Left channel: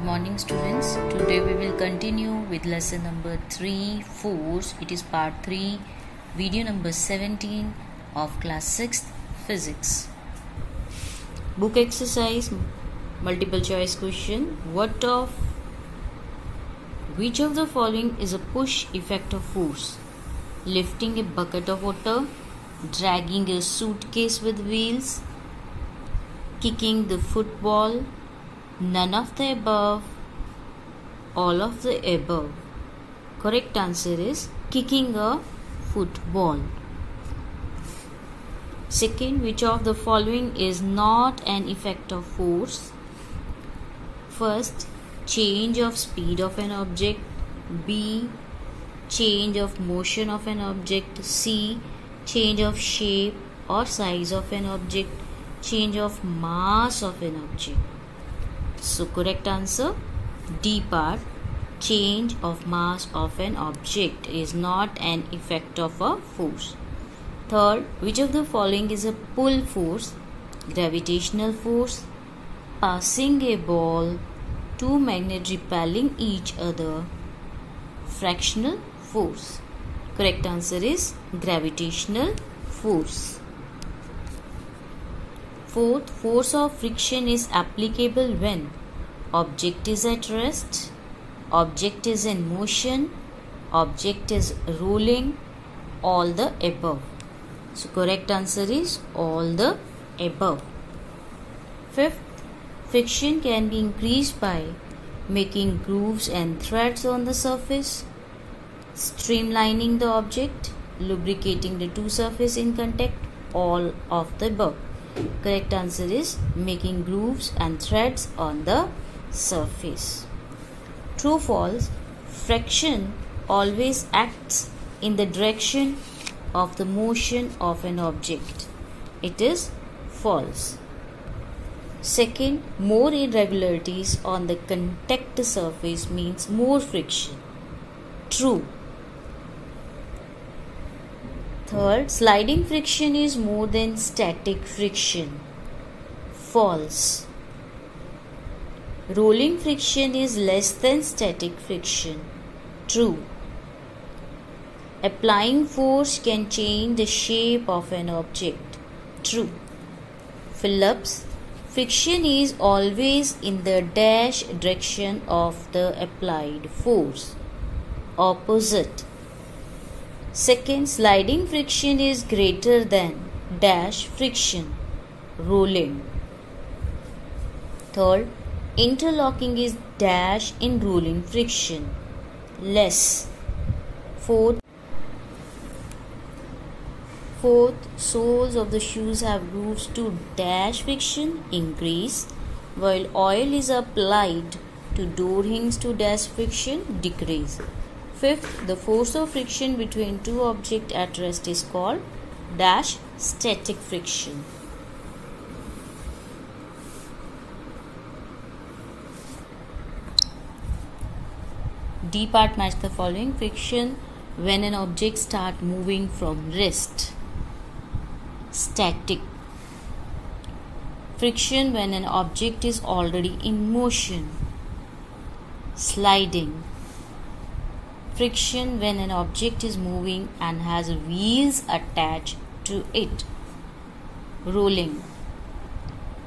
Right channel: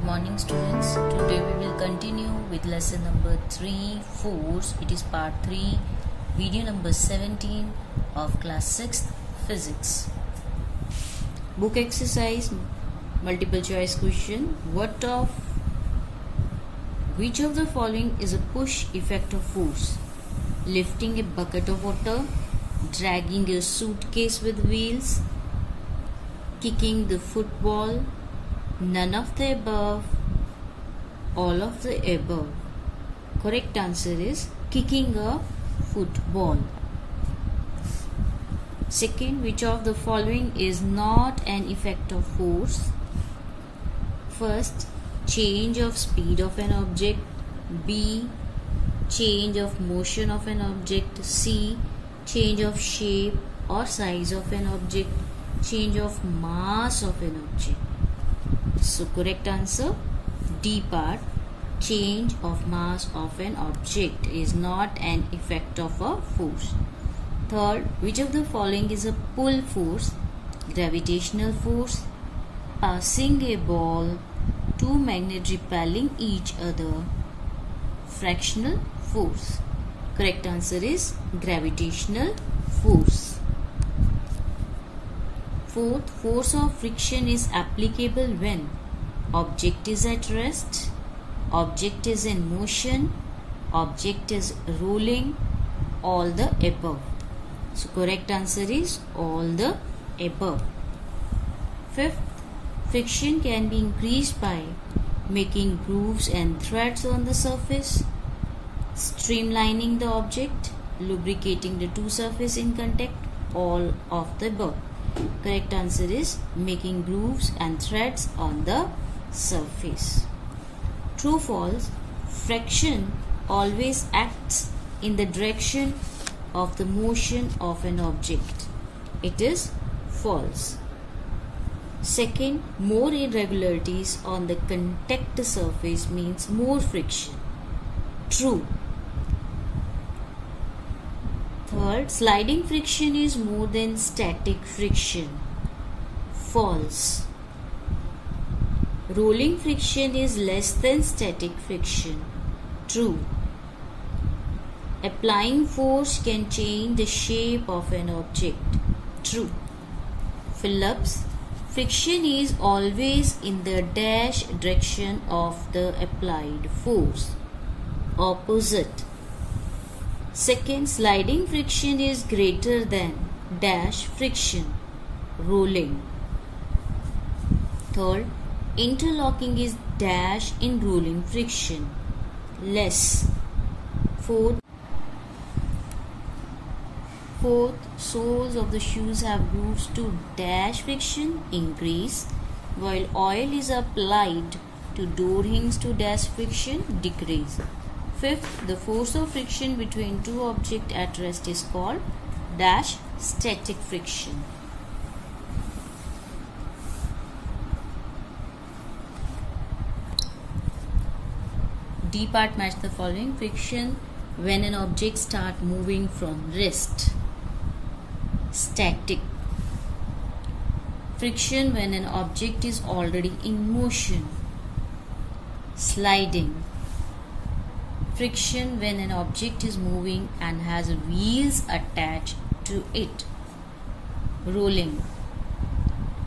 Good morning students. Today we will continue with lesson number 3, force. It is part 3, video number 17 of class 6th physics. Book exercise, multiple choice question. Which of the following is a push effect of force? Lifting a bucket of water, dragging a suitcase with wheels, kicking the football, none of the above, all of the above. Correct answer is kicking a football. Second, which of the following is not an effect of force? First, change of speed of an object. B, change of motion of an object. C, change of shape or size of an object. Change of mass of an object. So correct answer D part, change of mass of an object is not an effect of a force. Third, which of the following is a pull force? Gravitational force, passing a ball, two magnets repelling each other, frictional force. Correct answer is gravitational force. Fourth, force of friction is applicable when object is at rest, object is in motion, object is rolling, all the above. So correct answer is all the above. Fifth, friction can be increased by making grooves and threads on the surface, streamlining the object, lubricating the two surfaces in contact, all of the above. Correct answer is making grooves and threads on the surface. True, false, friction always acts in the direction of the motion of an object. It is false. Second, more irregularities on the contact surface means more friction. True. Third, sliding friction is more than static friction. False. Rolling friction is less than static friction. True. Applying force can change the shape of an object. True. Phillips, friction is always in the dash direction of the applied force. Opposite. Second, sliding friction is greater than dash friction, rolling. Third, interlocking is dash in rolling friction, less. Fourth, soles of the shoes have grooves to dash friction, increase, while oil is applied to door hinges to dash friction, decrease. Fifth, the force of friction between two objects at rest is called dash static friction. D part, match the following. Friction when an object starts moving from rest. Static. Friction when an object is already in motion. Sliding. Friction when an object is moving and has wheels attached to it. Rolling.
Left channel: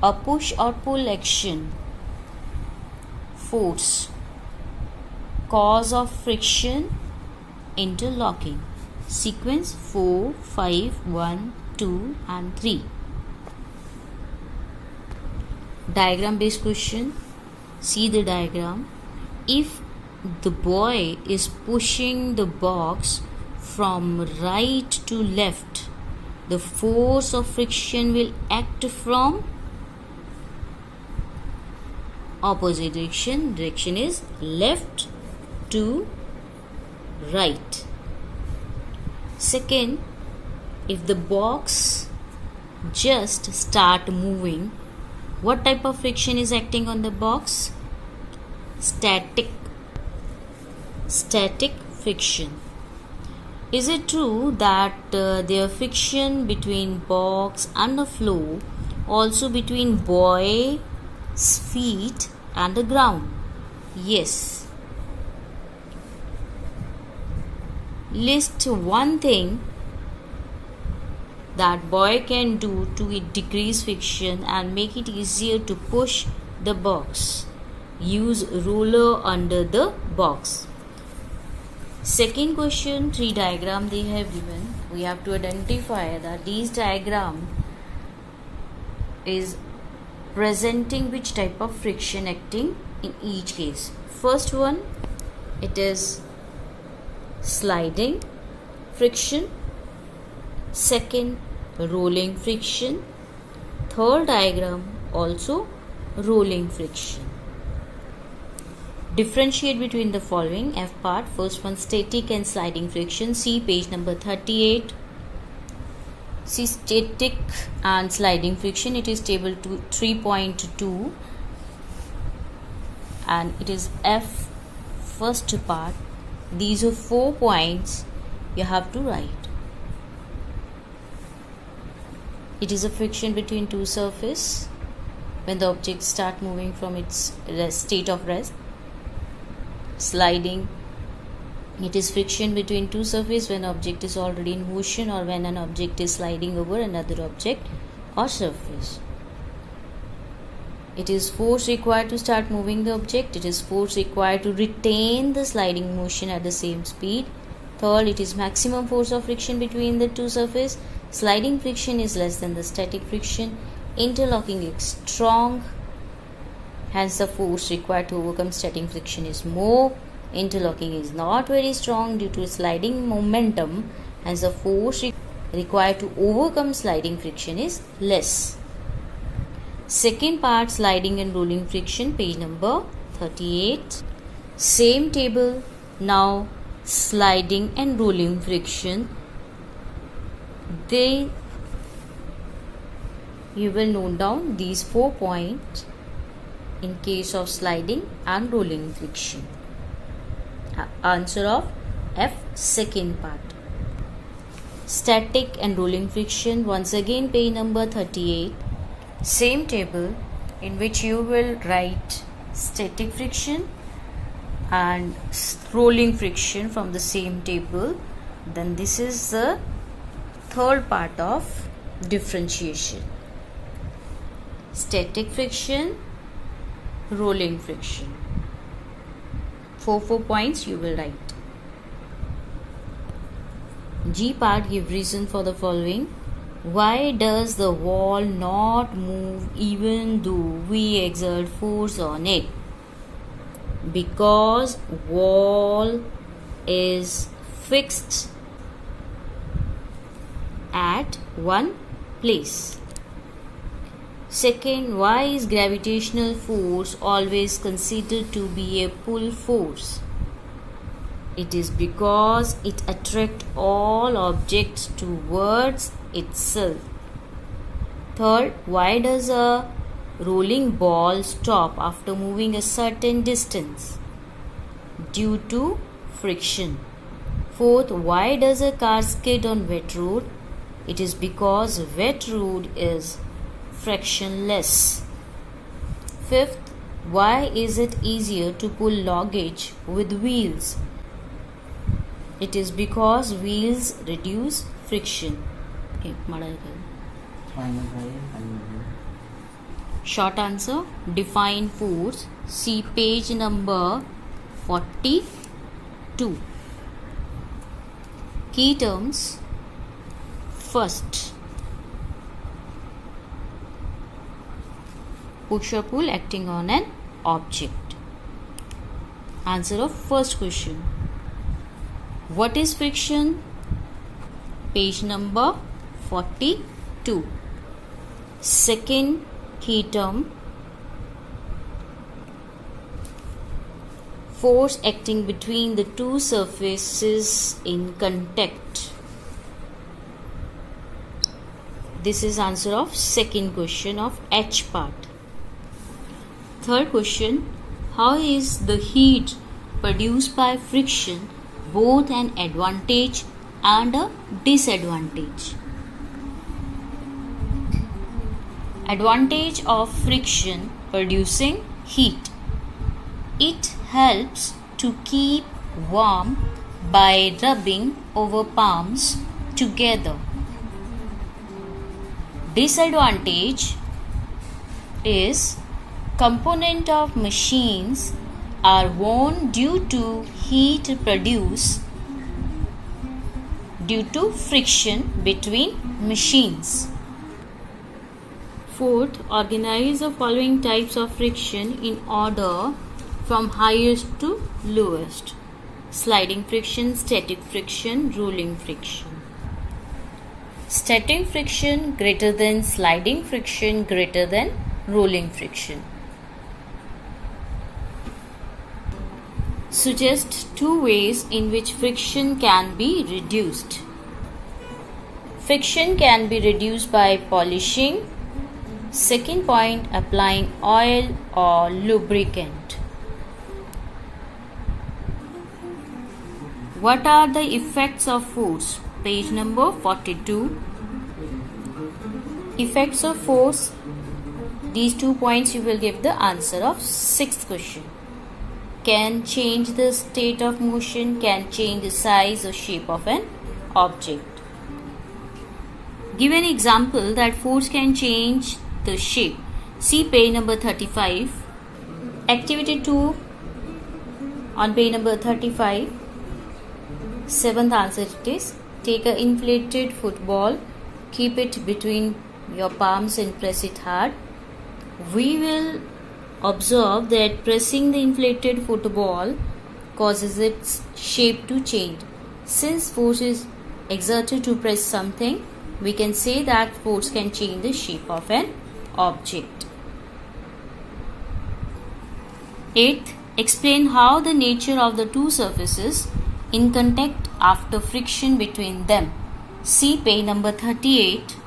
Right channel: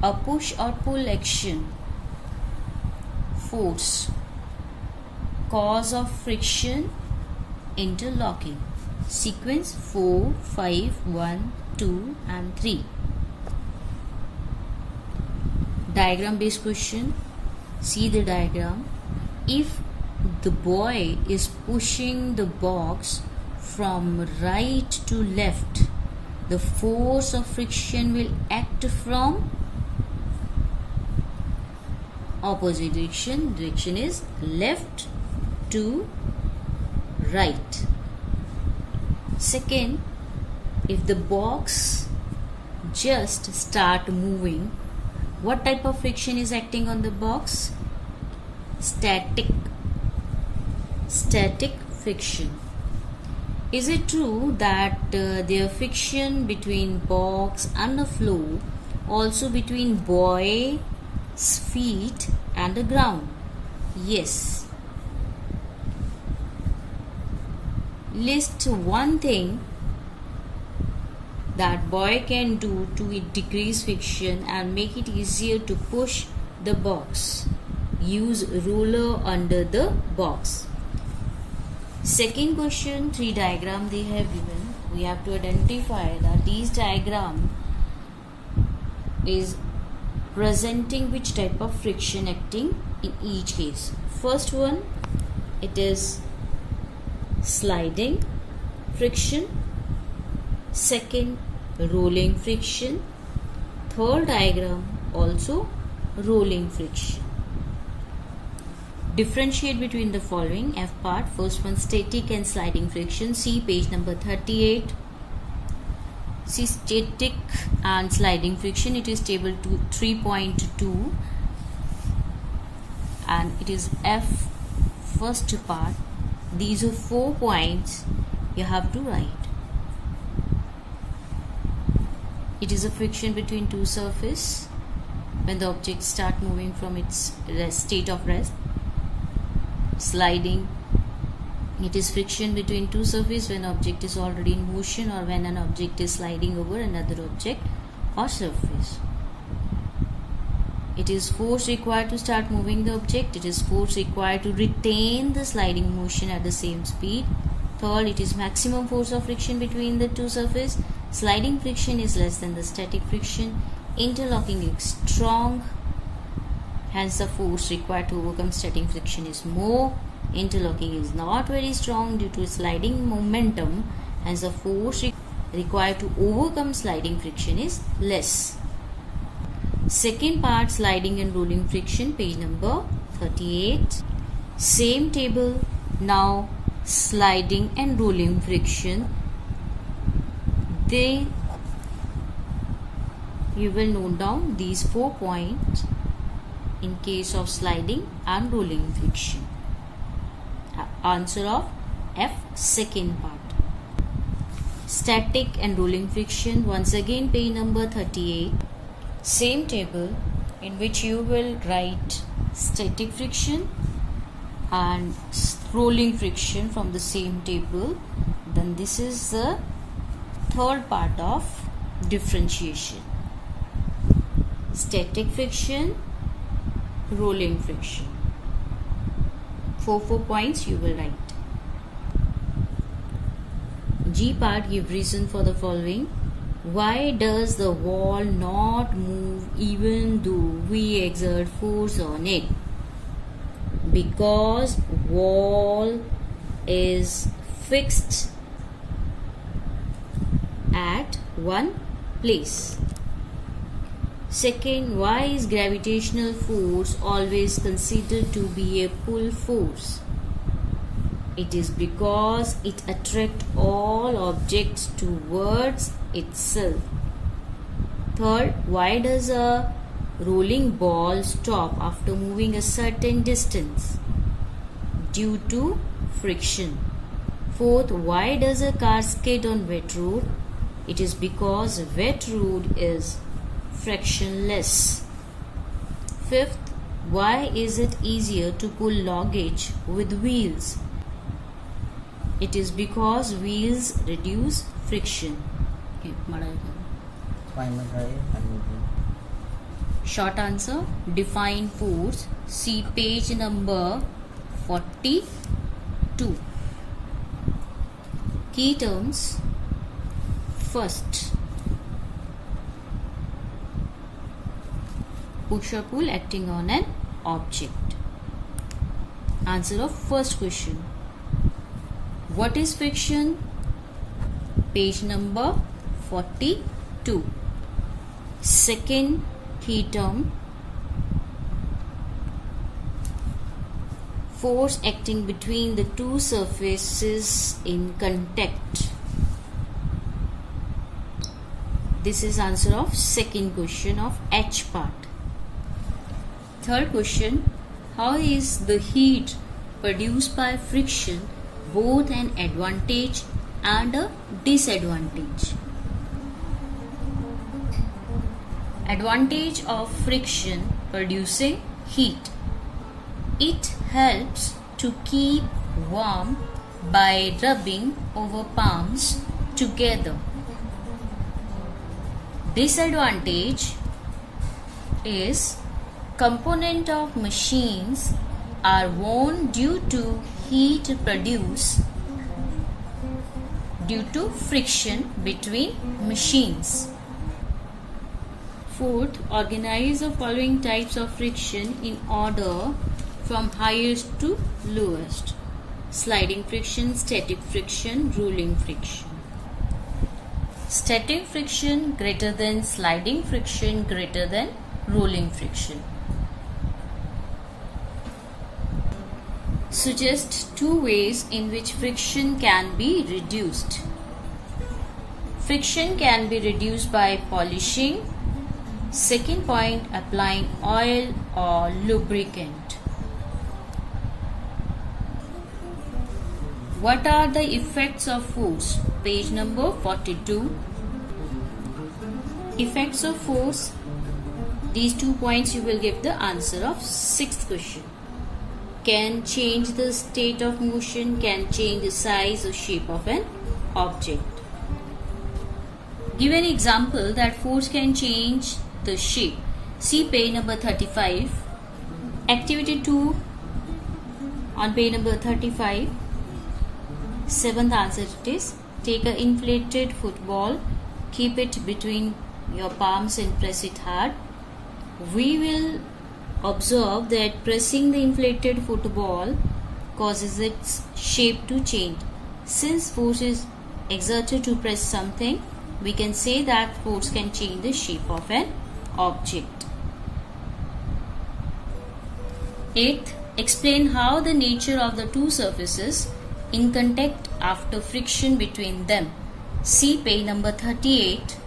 A push or pull action. Force. Cause of friction. Interlocking. Sequence 4, 5, 1, 2 and 3. Diagram based question. See the diagram. If the boy is pushing the box from right to left, the force of friction will act from opposite direction. Direction is left to right. Second, if the box just start moving, what type of friction is acting on the box? Static friction. Is it true that there friction between box and the floor, also between boy's feet and the ground? Yes. List one thing that boy can do to decrease friction and make it easier to push the box. Use ruler under the box. Second question, 3 diagram they have given. We have to identify that these diagram is presenting which type of friction acting in each case. First one, it is sliding friction. Second, rolling friction. Third diagram also rolling friction. Differentiate between the following. F part, first one, static and sliding friction. See page number 38. See static and sliding friction. It is table 3.2 and it is F first part. These are 4 points you have to write. It is a friction between two surfaces when the object start moving from its state of rest. Sliding, it is friction between two surfaces when object is already in motion or when an object is sliding over another object or surface. It is force required to start moving the object. It is force required to retain the sliding motion at the same speed. Third, it is maximum force of friction between the two surfaces. Sliding friction is less than the static friction. Interlocking is strong. Hence, the force required to overcome static friction is more. Interlocking is not very strong due to sliding momentum. Hence, the force required to overcome sliding friction is less. Second part, sliding and rolling friction, page number 38. Same table, now sliding and rolling friction. You will note down these 4 points in case of sliding and rolling friction. Answer of F, second part. Static and rolling friction, once again page number 38. Same table in which you will write static friction and rolling friction from the same table. Then this is the third part of differentiation. Static friction, rolling friction. 4 points you will write. G part, give reason for the following. Why does the wall not move even though we exert force on it? Because wall is fixed at one place. Second, why is gravitational force always considered to be a pull force? It is because it attracts all objects towards itself. Third, why does a rolling ball stop after moving a certain distance? Due to friction. Fourth, why does a car skid on wet road? It is because wet road is frictionless. Fifth, why is it easier to pull luggage with wheels? It is because wheels reduce friction. Short answer, define force. See page number 42. Key terms. First, push or pull acting on an object. Answer of first question. What is friction? Page number 42. Second key term, force acting between the two surfaces in contact. This is answer of second question of H part. Third question, how is the heat produced by friction both an advantage and a disadvantage? Advantage of friction producing heat. It helps to keep warm by rubbing over palms together. Disadvantage is components of machines are worn due to heat produced due to friction between machines. Fourth, organize the following types of friction in order from highest to lowest. Sliding friction, static friction, rolling friction. Static friction greater than sliding friction greater than rolling friction. Suggest 2 ways in which friction can be reduced. Friction can be reduced by polishing. Second point, applying oil or lubricant. What are the effects of force? Page number 42. Effects of force. These 2 points you will give the answer of 6th question. Can change the state of motion, can change the size or shape of an object. Give an example that force can change the shape. See page number 35. Activity 2 on page number 35. 7th answer it is. Take an inflated football, keep it between your palms and press it hard. We will observe that pressing the inflated football causes its shape to change. Since force is exerted to press something, we can say that force can change the shape of an object. 8th, explain how the nature of the two surfaces in contact after friction between them. See page number 38.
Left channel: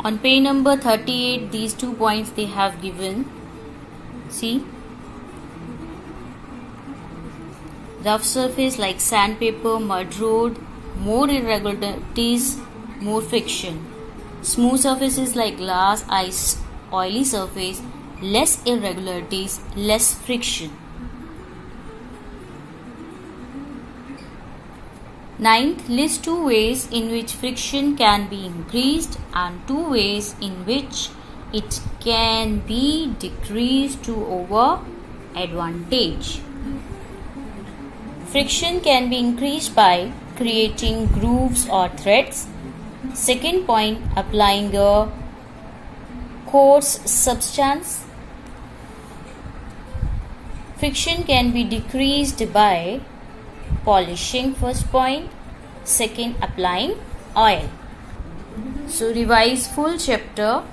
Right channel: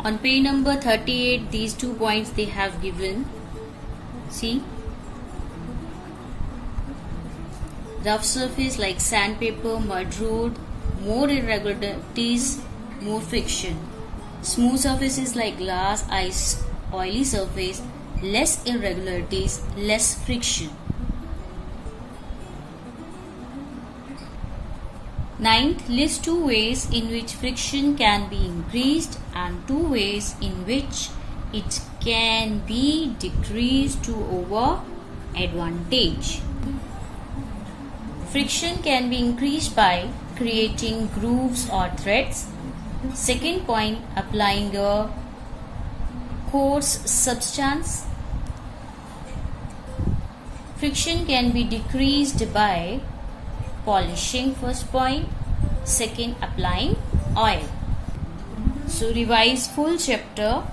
On page number 38, these 2 points they have given. See, rough surface like sandpaper, mud road, more irregularities, more friction. Smooth surfaces like glass, ice, oily surface, less irregularities, less friction. 9th, list 2 ways in which friction can be increased and 2 ways in which it can be decreased to our advantage. Friction can be increased by creating grooves or threads. Second point, applying a coarse substance. Friction can be decreased by polishing, first point. Second, applying oil. So revise full chapter